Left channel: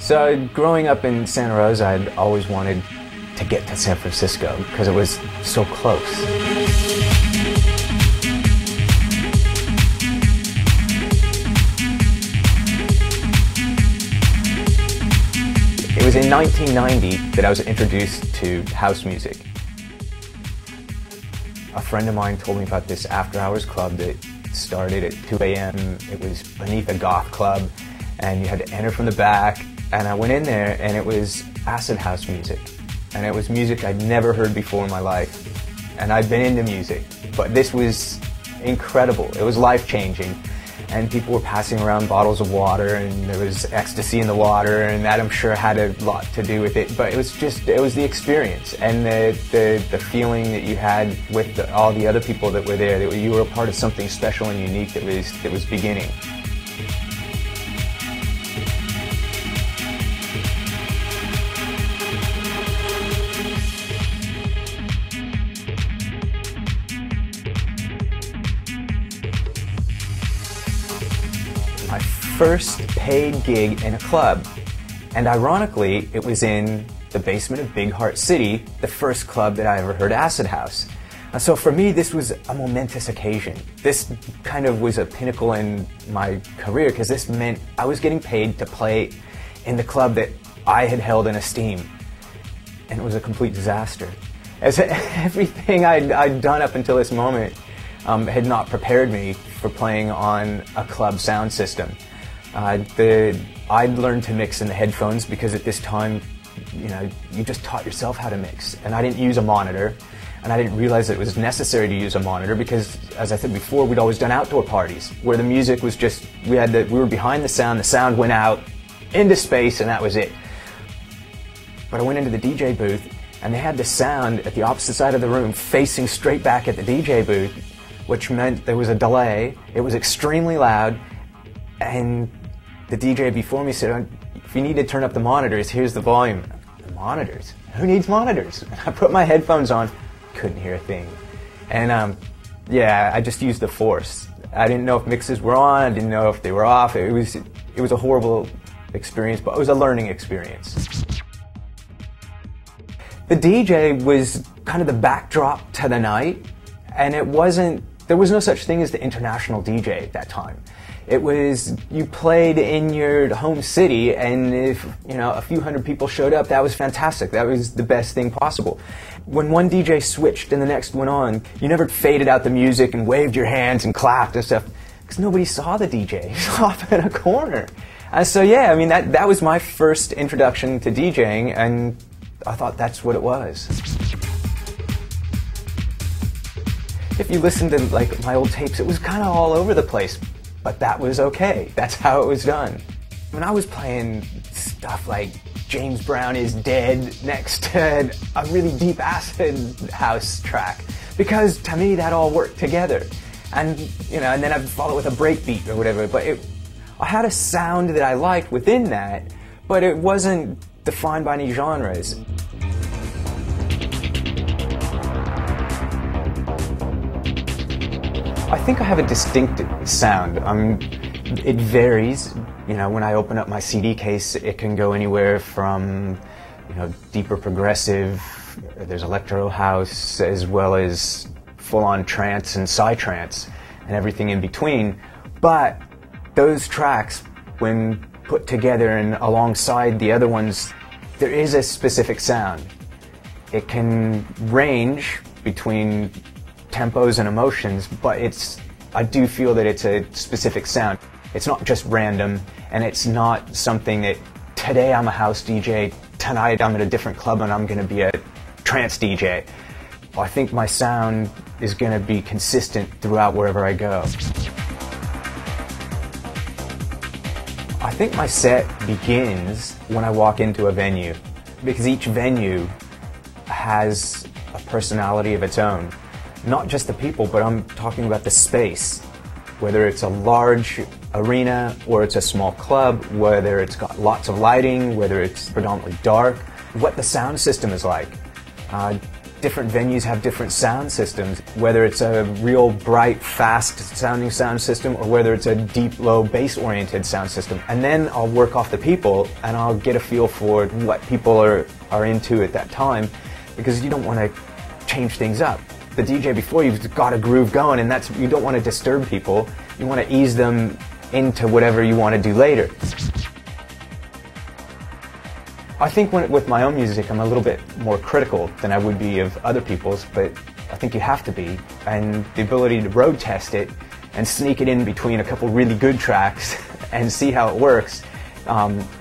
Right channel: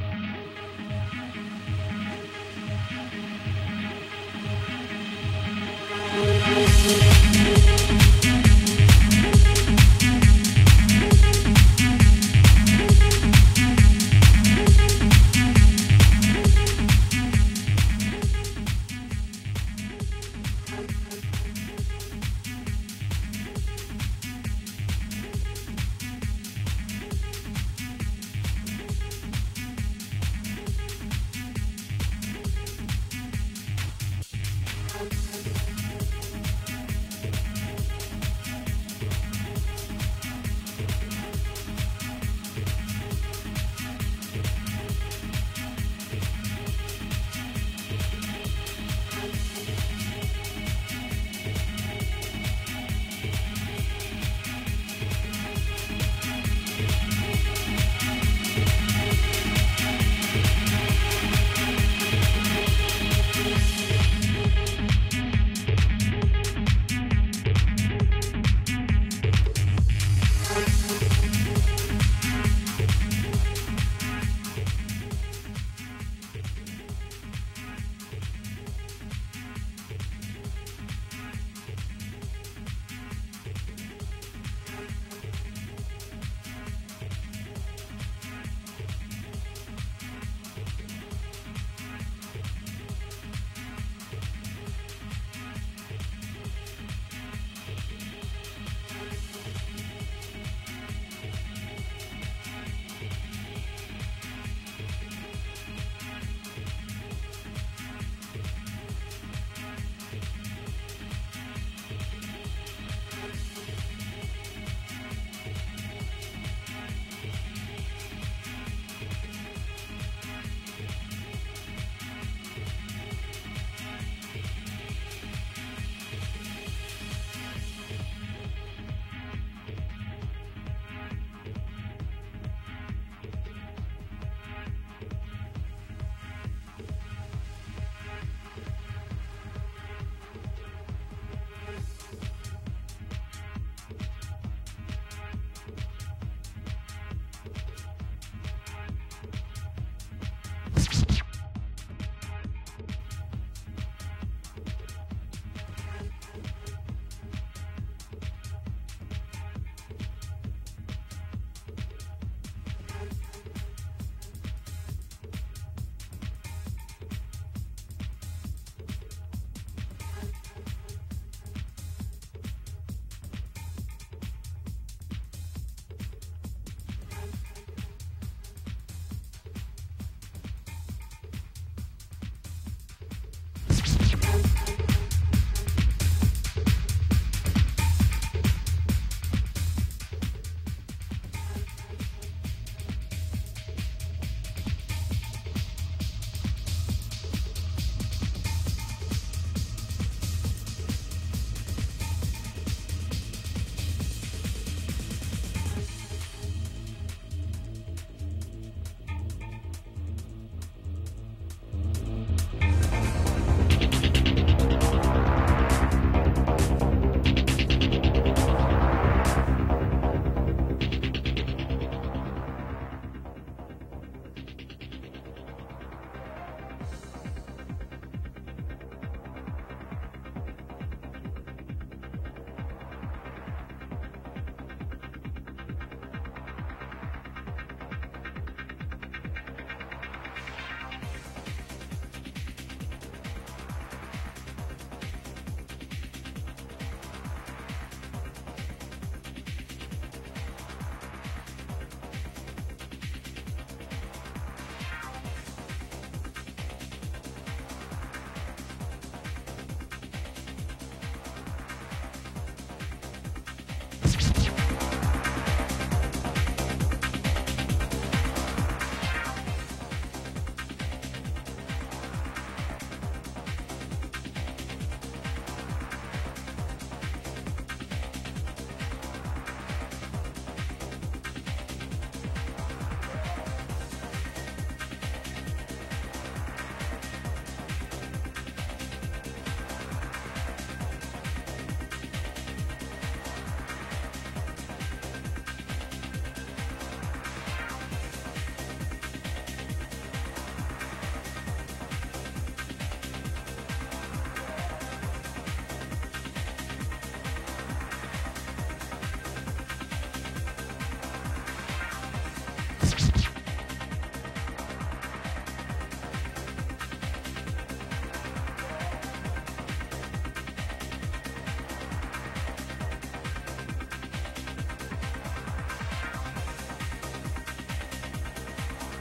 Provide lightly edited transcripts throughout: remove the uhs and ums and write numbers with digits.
So growing up in Santa Rosa, I'd always wanted to get to San Francisco because it was so close. It was in 1990 that I was introduced to house music. A friend of mine told me about this after-hours club that started at 2 a.m. It was beneath a goth club, and you had to enter from the back. And I went in there, and it was acid house music. And it was music I'd never heard before in my life. And I'd been into music, but this was incredible. It was life-changing. And people were passing around bottles of water, and there was ecstasy in the water, and that I'm sure had a lot to do with it. But it was the experience and the feeling that you had with all the other people that were there, that you were a part of something special and unique that was beginning. First paid gig in a club, and ironically it was in the basement of Big Heart City, the first club that I ever heard acid house. So for me this was a momentous occasion. This kind of was a pinnacle in my career because this meant I was getting paid to play in the club that I had held in esteem, and it was a complete disaster. As everything I'd done up until this moment had not prepared me for playing on a club sound system. I'd learned to mix in the headphones because at this time, you just taught yourself how to mix. And I didn't use a monitor, and I didn't realize that it was necessary to use a monitor because, as I said before, we'd always done outdoor parties where the music was just, we were behind the sound went out into space, and that was it. But I went into the DJ booth, and they had the sound at the opposite side of the room facing straight back at the DJ booth, which meant there was a delay. It was extremely loud, and the DJ before me said, if you need to turn up the monitors, here's the volume. Monitors? Who needs monitors? I put my headphones on, couldn't hear a thing. And yeah, I just used the force. I didn't know if mixes were on, I didn't know if they were off. It was a horrible experience, but it was a learning experience. The DJ was kind of the backdrop to the night, and there was no such thing as the international DJ at that time. It was, you played in your home city, and if a few hundred people showed up, that was fantastic. That was the best thing possible. When one DJ switched and the next went on, you never faded out the music and waved your hands and clapped and stuff, because nobody saw the DJ. He was off in a corner. So yeah, I mean, that was my first introduction to DJing, and I thought that's what it was. If you listen to my old tapes, it was kind of all over the place. But that was okay. That's how it was done. When I was playing stuff like James Brown Is Dead next to a really deep acid house track, because to me that all worked together. And and then I'd follow with a breakbeat or whatever. But I had a sound that I liked within that, but it wasn't defined by any genres. I think I have a distinctive sound. It varies. When I open up my CD case, it can go anywhere from, deeper progressive, there's electro house, as well as full-on trance and psytrance, and everything in between. But those tracks, when put together and alongside the other ones, there is a specific sound. It can range between tempos and emotions, but I do feel that it's a specific sound. It's not just random, and it's not something that today I'm a house DJ, tonight I'm at a different club and I'm going to be a trance DJ. I think my sound is going to be consistent throughout wherever I go. I think my set begins when I walk into a venue, because each venue has a personality of its own. Not just the people, but I'm talking about the space. Whether it's a large arena, or it's a small club, whether it's got lots of lighting, whether it's predominantly dark, what the sound system is like. different venues have different sound systems, whether it's a real bright, fast sounding sound system or whether it's a deep, low, bass-oriented sound system. And then I'll work off the people and I'll get a feel for what people are into at that time, because you don't want to change things up. The DJ before you've got a groove going, and you don't want to disturb people. You want to ease them into whatever you want to do later. I think with my own music, I'm a little bit more critical than I would be of other people's, but I think you have to be. And the ability to road test it and sneak it in between a couple really good tracks and see how it works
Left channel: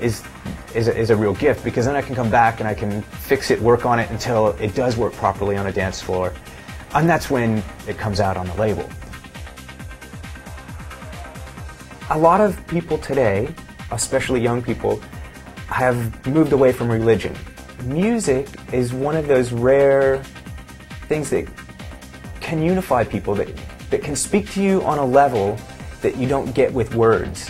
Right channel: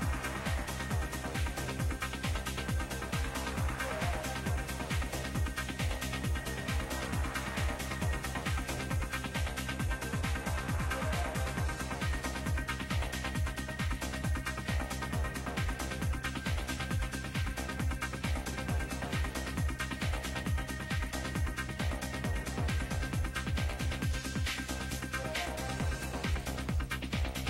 is a real gift, because then I can come back and I can fix it, work on it until it does work properly on a dance floor. And that's when it comes out on the label. A lot of people today, especially young people, have moved away from religion. Music is one of those rare things that can unify people, that can speak to you on a level that you don't get with words.